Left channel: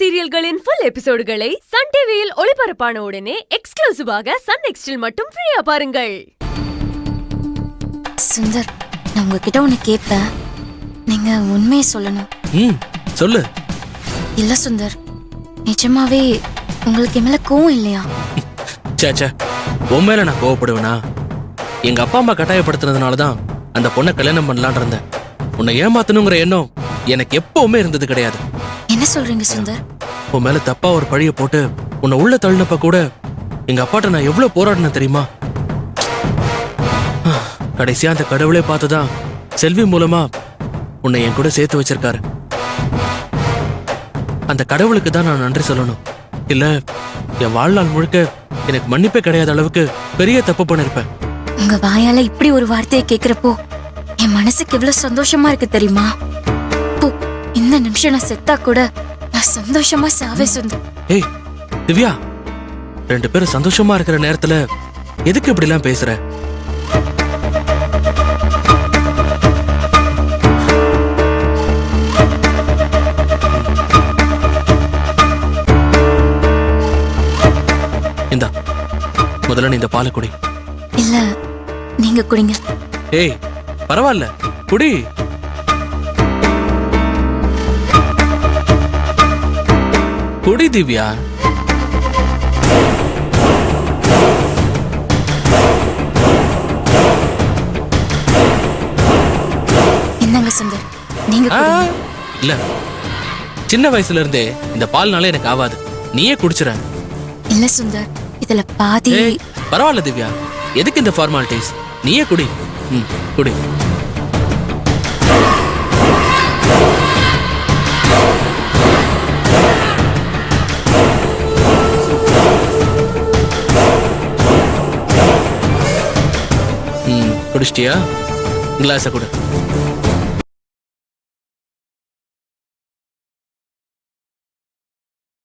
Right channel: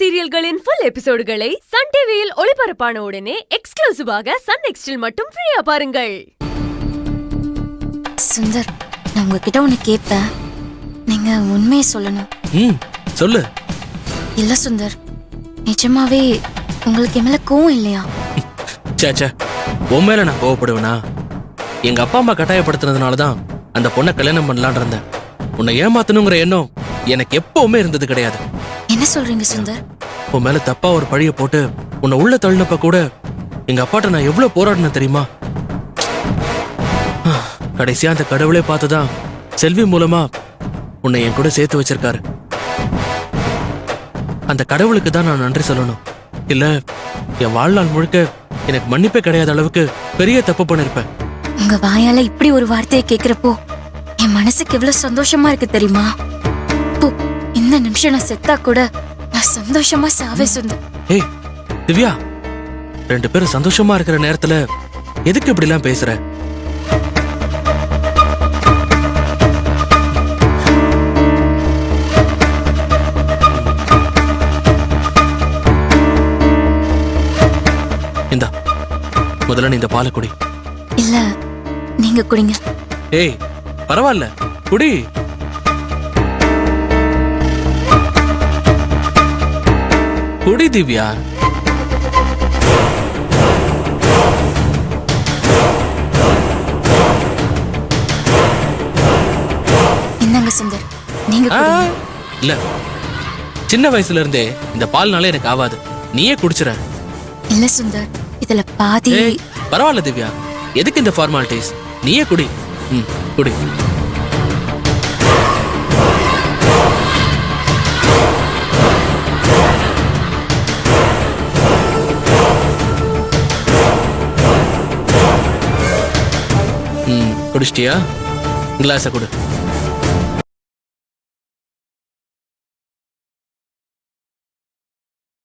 சீரியல்களின் full எபிசோடுகளை Sun டிவியில் ஒளிபரப்பான உடனே எக்ஸ்க்ளூசிவாக சன் நெக்ஸ்டில் மட்டும் ஃப்ரீயா பாருங்கள். சுந்தர், நான் உங்ககிட்ட ஒண்ணு கேட்பேன், நீங்க உண்மையை சொல்லணும். சொல்லு. இல்ல சுந்தர், நிஜமாவே உங்களுக்கு மேல கோவம் இல்லையா? சேச்சே, உன் மேல நான் கோவப்படுவேனா? எங்க அப்பா அம்மா கட்டாயப்படுத்தினதுனாலதான் அந்த பொண்ணை கல்யாணம் பண்ணலான் இருந்தேன். உன்னை ஏமாத்தணுங்கிற எண்ணம் எனக்கு எப்பவுமே இருந்தது கிடையாது. என்ன சொல்றீங்க சுந்தர்? உன் மேல தப்பா ஒரு பழிய போட்டு உன்னை உள்ள தள்ளினப்ப கூட எங்க அப்பாட்ட நான் எவ்வளவு போராடினேன் தெரியுமா? கடைசியா அந்த கடவுளே பார்த்துதான் செல்வி மூலமா உன்னை என் கூட சேர்த்து வச்சிருக்காரு. அந்த கடவுளுக்கு தான் நான் நன்றி சொல்லணும். இல்ல என் வாழ்நாள் முழுக்க எனக்கு மன்னிப்பே கிடையாத அளவுக்கு பெரிய தப்பு பண்ணிருப்பேன். உங்க வாயால இப்படி ஒரு வார்த்தையை கேக்குறப்போ என் மனசுக்கு எவ்வளவு சந்தோஷமா இருக்கு தெரியுமா? இந்த நிமிஷம் நான் செத்தா கூட நான் சந்தோஷமா சாவே சுந்தர். ஏய் திவ்யா, ரெண்டு பேரும் சந்தோஷமா இருக்கிற நேரத்துல எதுக்கு இப்படி எல்லாம் பேசுற? இந்தா, முதல்ல நீ இந்த பாலை குடி. இல்ல, நீங்க குடிங்க. ஏய் பரவாயில்ல, குடி. குடி திவ்யா. இந்தாங்க சுந்தர், நீங்க குடிங்க. இல்ல, சின்ன வயசுல இருந்தே இந்த பால்னால எனக்கு ஆவாது, நீயே குடிச்சுற. இல்ல சுந்தர், இதுல பாதி. பரவாயில்ல திவ்யா, எதுக்கு இந்த ஃபார்மாலிட்டிஸ்? நீயே குடி. குடி. குடிச்சிட்டியா? கிளாஸ கொடு.